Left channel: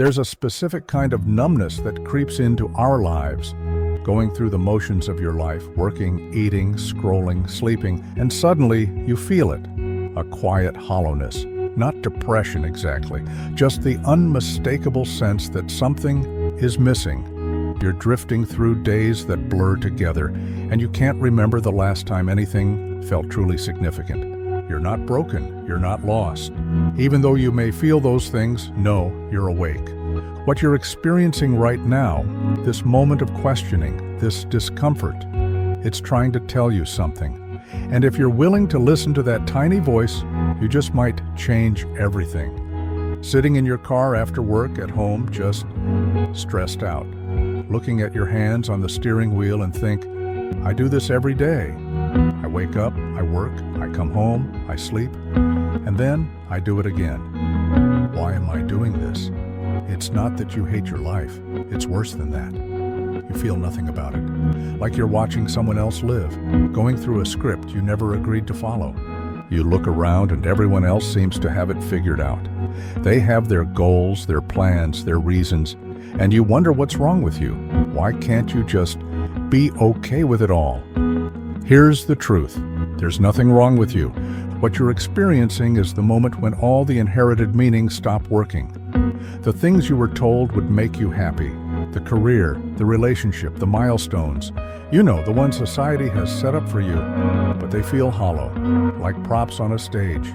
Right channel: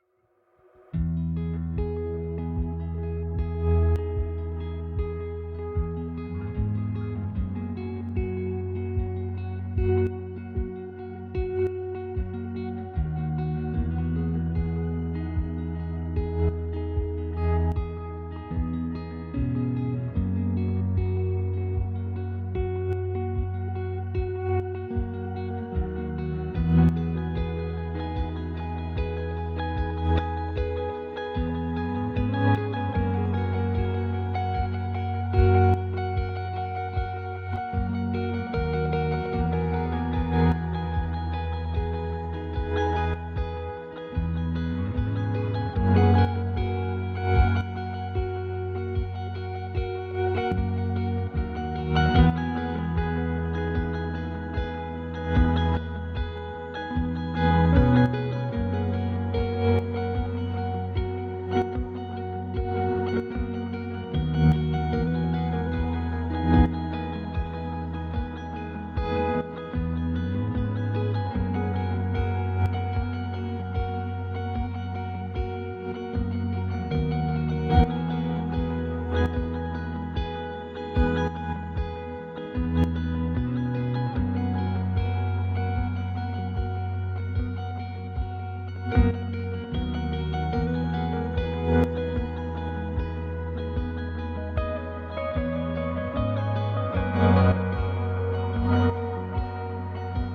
There's a specific kind of numbness that creeps into our lives, going through the motions of your life, working, eating, scrolling, sleeping, and suddenly you feel it. A quiet hollowness. Not depression exactly, just the unmistakable sense that something is missing. You're drifting through days that blur together, and you can't remember the last time anything felt truly significant. You're not broken, you're not lost. Even though you may feel those things, know you're awake. What you're experiencing right now, this moment of questioning, this discomfort, it's trying to tell you something. And if you're willing to listen to that tiny voice, you just might change everything. Sitting in your car after work, at home, just stressed out. Looking at your hands on the steering wheel and think, I do this every day. I wake up, I work, I come home, I sleep, and then I do it again. Why am I doing this? It's not that you hate your life. It's worse than that. You feel nothing about it. Like you're watching someone else live, going through a script you never agreed to follow. You look around and everyone else seems to have it figured out. They have their goals, their plans, their reasons, and you wonder what's wrong with you. Why can't you just be okay with it all? Here's the truth. There's nothing wrong with you. What you're experiencing is the moment when all the inherited meanings stop working. The things you were told would make you happy, the career, the relationship, the milestones, you know, the ones society has set up for you, but they feel hollow, like props on a stage.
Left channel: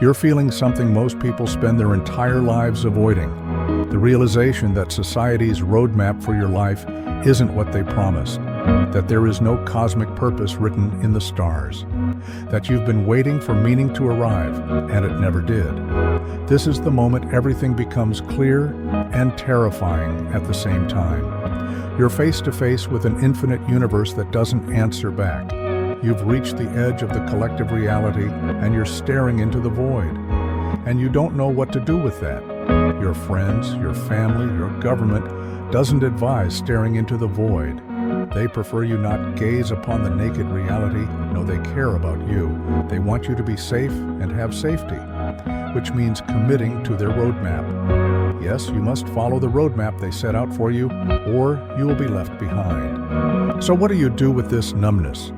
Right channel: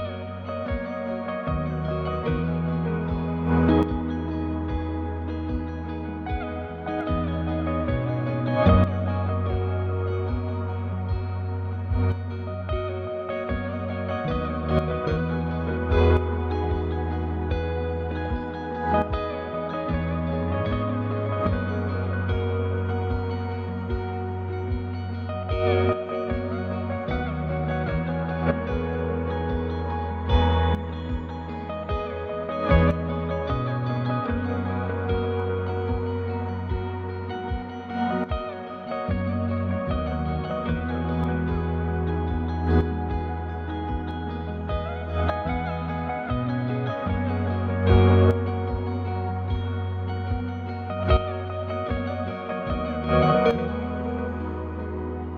You're feeling something most people spend their entire lives avoiding, the realization that society's roadmap for your life isn't what they promised, that there is no cosmic purpose written in the stars, that you've been waiting for meaning to arrive, and it never did. This is the moment everything becomes clear and terrifying at the same time. You're face to face with an infinite universe that doesn't answer back. You've reached the edge of the collective reality, and you're staring into the void. And you don't know what to do with that. Your friends, your family, your government doesn't advise staring into the void. They prefer you not gaze upon the naked reality. No, they care about you. They want you to be safe and have safety, which means committing to their roadmap. Yes, you must follow the roadmap they set out for you, or you will be left behind. So what do you do with this numbness?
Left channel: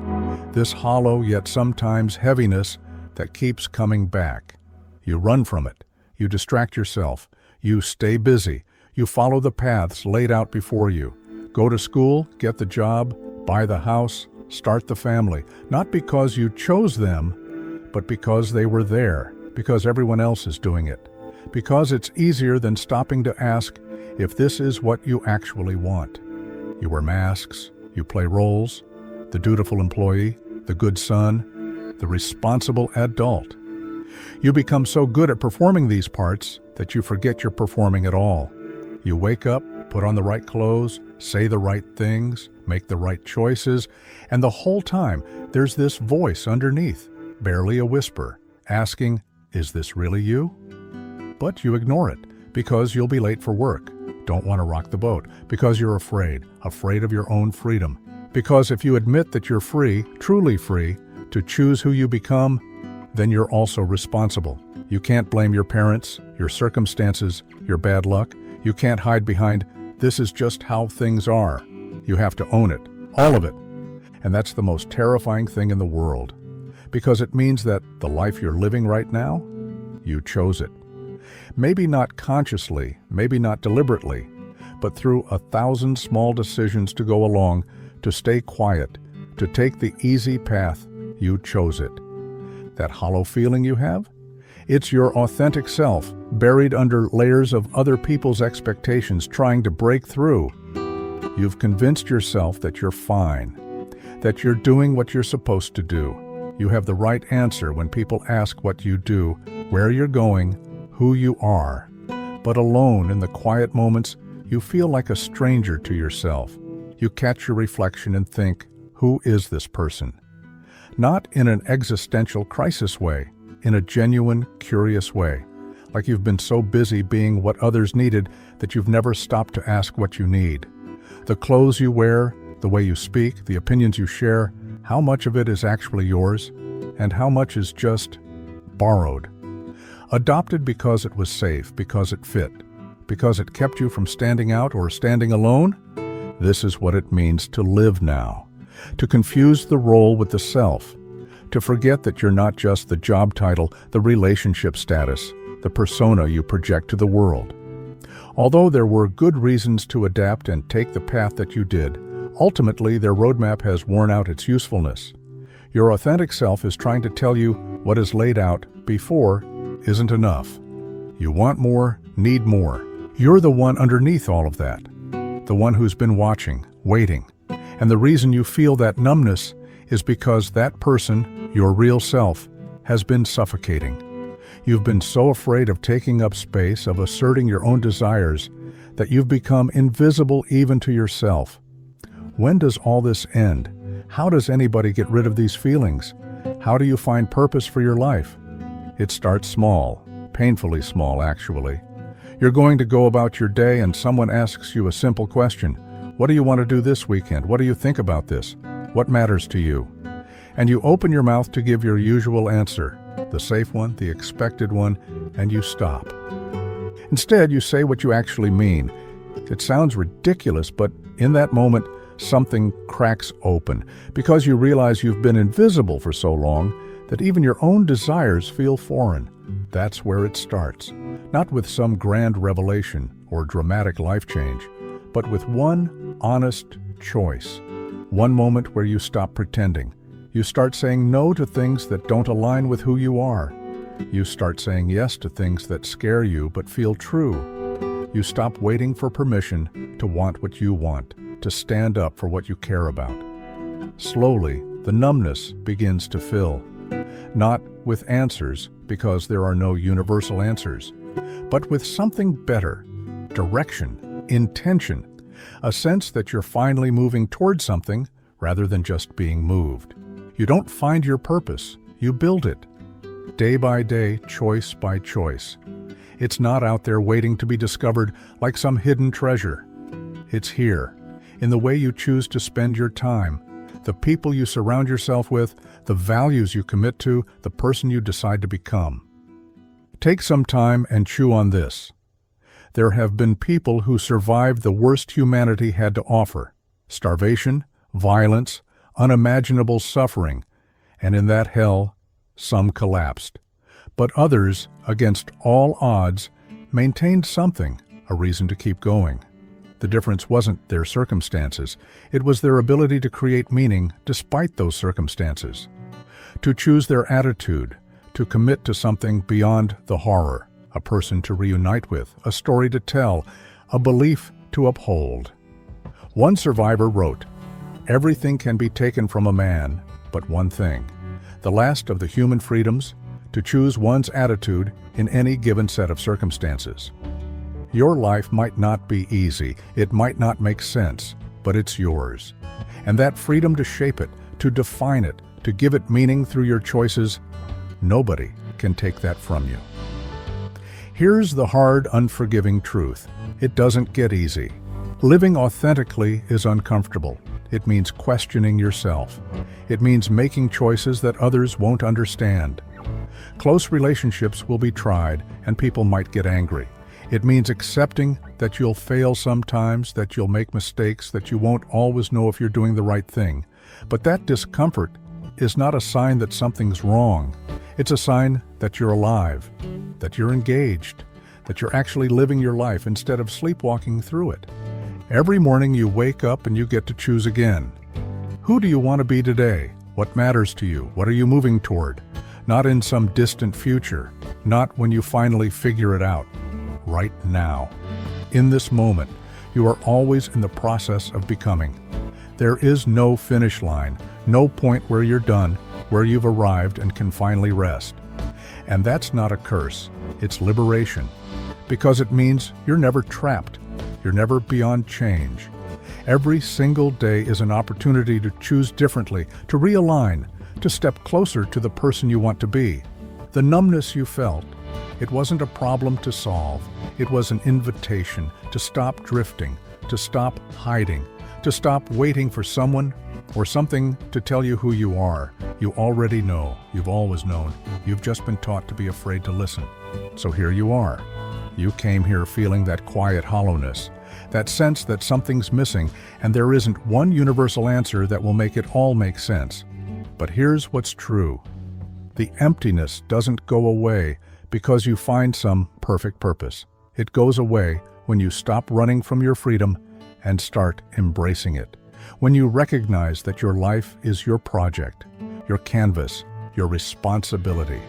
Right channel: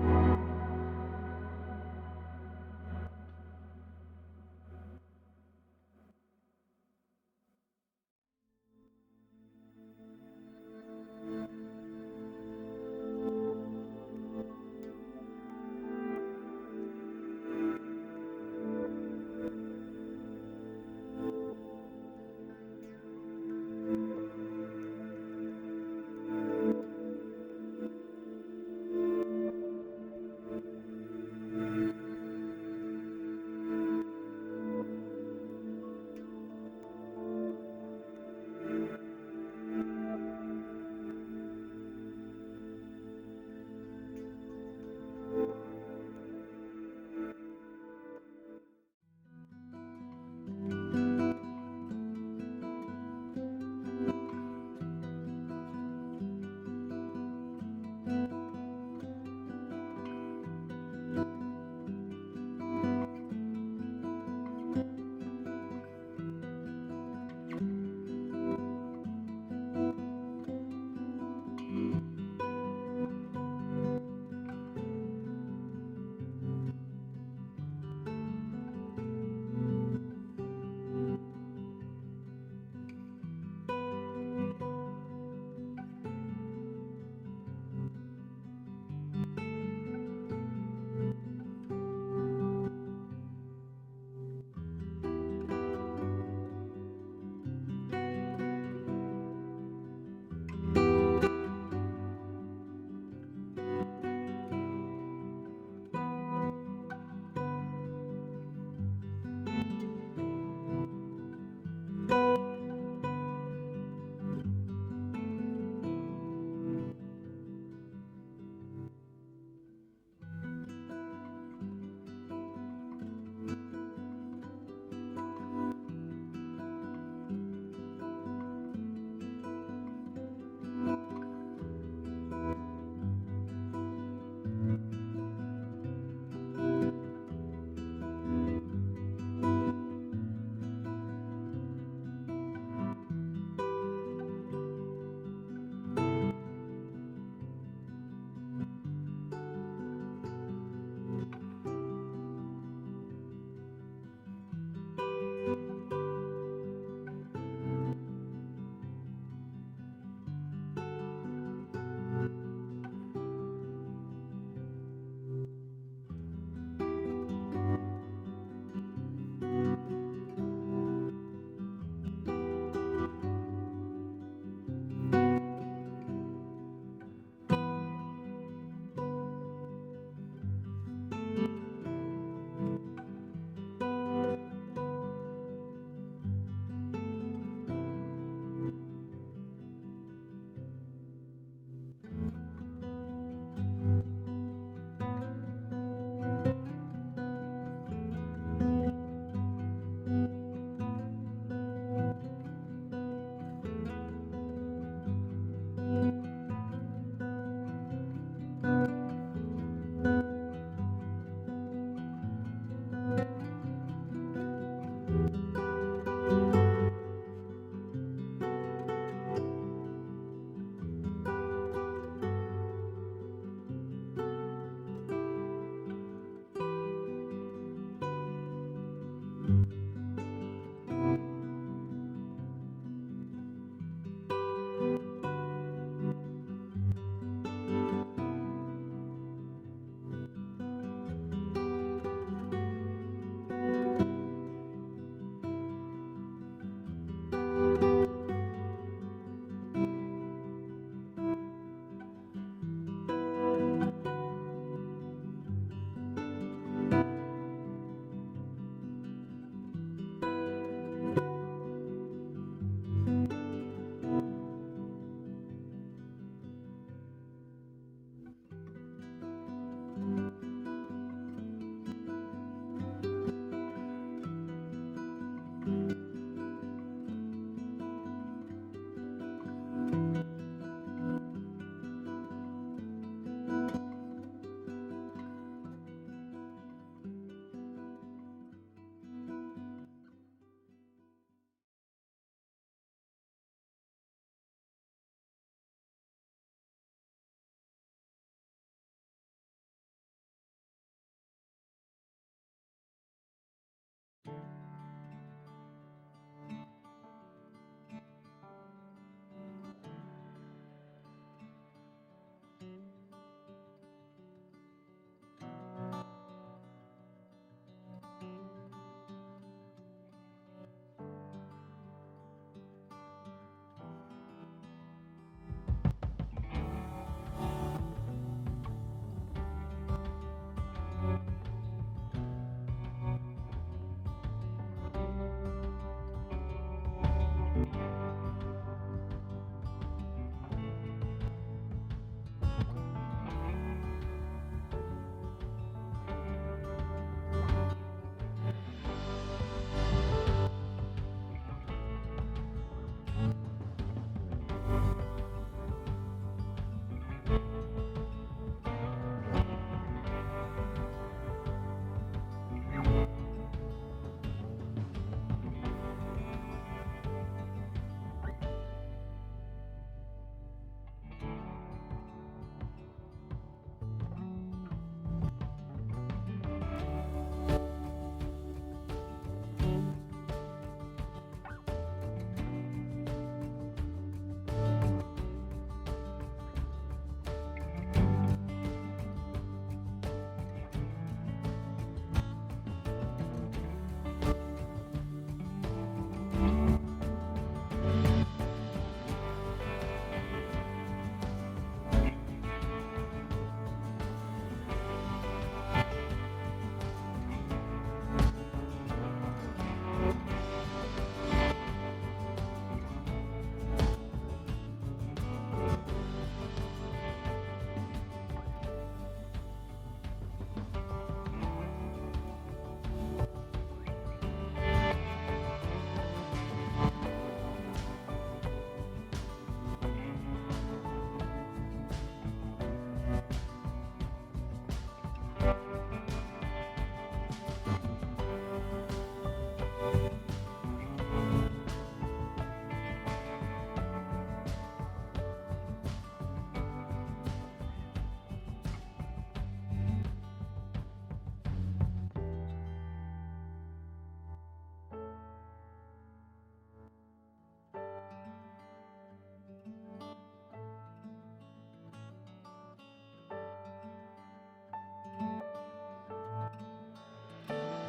This hollow yet sometimes heaviness that keeps coming back? You run from it. You distract yourself. You stay busy. You follow the paths laid out before you. Go to school, get the job, buy the house, start the family. Not because you chose them, but because they were there, because everyone else is doing it. Because it's easier than stopping to ask if this is what you actually want. You wear masks, you play roles, the dutiful employee, the good son, the responsible adult. You become so good at performing these parts that you forget you're performing at all. You wake up, put on the right clothes, say the right things, make the right choices, and the whole time there's this voice underneath, barely a whisper, asking, is this really you? But you ignore it because you'll be late for work, don't want to rock the boat, because you're afraid of your own freedom. Because if you admit that you're free, truly free, to choose who you become, then you're also responsible. You can't blame your parents, your circumstances, your bad luck. You can't hide behind, this is just how things are. You have to own it, all of it. And that's the most terrifying thing in the world, because it means that the life you're living right now, you chose it. Maybe not consciously, maybe not deliberately, but through 1,000 small decisions to go along, to stay quiet, to take the easy path, you chose it. That hollow feeling you have? It's your authentic self, buried under layers of other people's expectations, trying to break through. You've convinced yourself that you're fine, that you're doing what you're supposed to do. You have the right answer when people ask what you do, where you're going, who you are. But alone in the quiet moments, you feel like a stranger to yourself. You catch your reflection and think, who is this person? Not in an existential crisis way, in a genuine, curious way. Like you've been so busy being what others needed that you've never stopped to ask what you need. The clothes you wear, the way you speak, the opinions you share, how much of it is actually yours, and how much is just borrowed. Adopted because it was safe, because it fit, because it kept you from standing out or standing alone? This is what it means to live now. To confuse the role with the self. To forget that you're not just the job title, the relationship status, the persona you project to the world. Although there were good reasons to adapt and take the path that you did, ultimately their roadmap has worn out its usefulness. Your authentic self is trying to tell you what is laid out before isn't enough. You want more, need more. You're the one underneath all of that. The one who's been watching, waiting. And the reason you feel that numbness is because that person, your real self, has been suffocating. You've been so afraid of taking up space, of asserting your own desires, that you've become invisible even to yourself. When does all this end? How does anybody get rid of these feelings? How do you find purpose for your life? It starts small, painfully small actually. You're going to go about your day and someone asks you a simple question. What do you want to do this weekend? What do you think about this? What matters to you? And you open your mouth to give your usual answer, the safe one, the expected one, and you stop. Instead, you say what you actually mean. It sounds ridiculous, but in that moment, something cracks open because you realize you've been invisible for so long that even your own desires feel foreign. That's where it starts. Not with some grand revelation or dramatic life change, but with one honest choice. One moment where you stop pretending. You start saying no to things that don't align with who you are. You start saying yes to things that scare you but feel true. You stop waiting for permission to want what you want, to stand up for what you care about. Slowly, the numbness begins to fill. Not with answers, because there are no universal answers, but with something better, direction, intention, a sense that you're finally moving towards something rather than just being moved. You don't find your purpose, you build it. Day by day, choice by choice. It's not out there waiting to be discovered like some hidden treasure. It's here, in the way you choose to spend your time, the people you surround yourself with, the values you commit to, the person you decide to become. Take some time and chew on this. There have been people who survived the worst humanity had to offer: starvation, violence, unimaginable suffering, and in that hell, some collapsed. But others, against all odds, maintained something, a reason to keep going. The difference wasn't their circumstances, it was their ability to create meaning despite those circumstances. To choose their attitude, to commit to something beyond the horror, a person to reunite with, a story to tell, a belief to uphold. One survivor wrote, "Everything can be taken from a man, but one thing, the last of the human freedoms, to choose one's attitude in any given set of circumstances." Your life might not be easy, it might not make sense, but it's yours. And that freedom to shape it, to define it, to give it meaning through your choices, nobody can take that from you. Here's the hard, unforgiving truth. It doesn't get easy. Living authentically is uncomfortable. It means questioning yourself. It means making choices that others won't understand. Close relationships will be tried, and people might get angry. It means accepting that you'll fail sometimes, that you'll make mistakes, that you won't always know if you're doing the right thing. But that discomfort is not a sign that something's wrong. It's a sign that you're alive, that you're engaged, that you're actually living your life instead of sleepwalking through it. Every morning you wake up and you get to choose again. Who do you want to be today? What matters to you? What are you moving toward? Not in some distant future, not when you finally figure it out. Right now. In this moment, you are always in the process of becoming. There is no finish line, no point where you're done, where you've arrived and can finally rest. And that's not a curse, it's liberation. Because it means you're never trapped, you're never beyond change. Every single day is an opportunity to choose differently, to realign, to step closer to the person you want to be. The numbness you felt, it wasn't a problem to solve. It was an invitation to stop drifting, to stop hiding, to stop waiting for someone or something to tell you who you are. You already know. You've always known. You've just been taught to be afraid to listen. So here you are. You came here feeling that quiet hollowness, that sense that something's missing, and there isn't one universal answer that will make it all make sense. But here's what's true. The emptiness doesn't go away because you find some perfect purpose. It goes away when you stop running from your freedom and start embracing it. When you recognize that your life is your project, your canvas, your responsibility.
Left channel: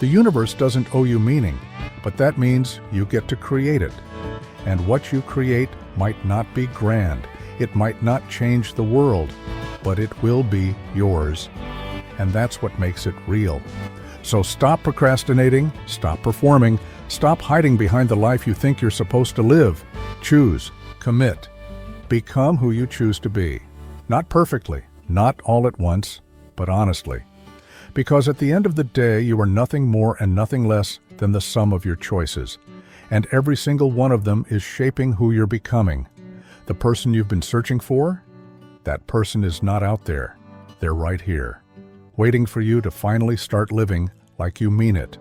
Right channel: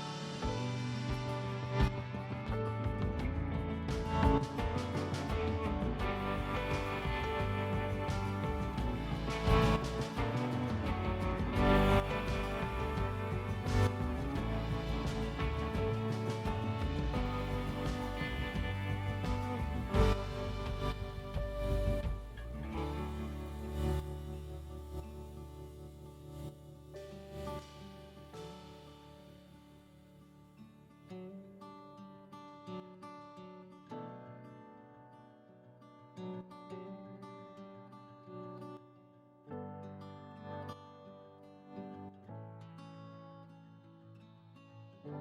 The universe doesn't owe you meaning, but that means you get to create it. And what you create might not be grand. It might not change the world, but it will be yours. And that's what makes it real. So stop procrastinating, stop performing, stop hiding behind the life you think you're supposed to live. Choose, commit, become who you choose to be. Not perfectly, not all at once, but honestly. Because at the end of the day, you are nothing more and nothing less than the sum of your choices. And every single one of them is shaping who you're becoming. The person you've been searching for? That person is not out there. They're right here, waiting for you to finally start living like you mean it.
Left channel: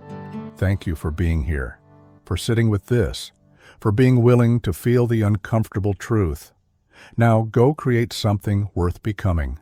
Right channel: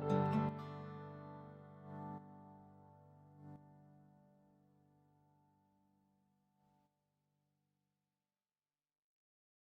Thank you for being here, for sitting with this, for being willing to feel the uncomfortable truth. Now go create something worth becoming.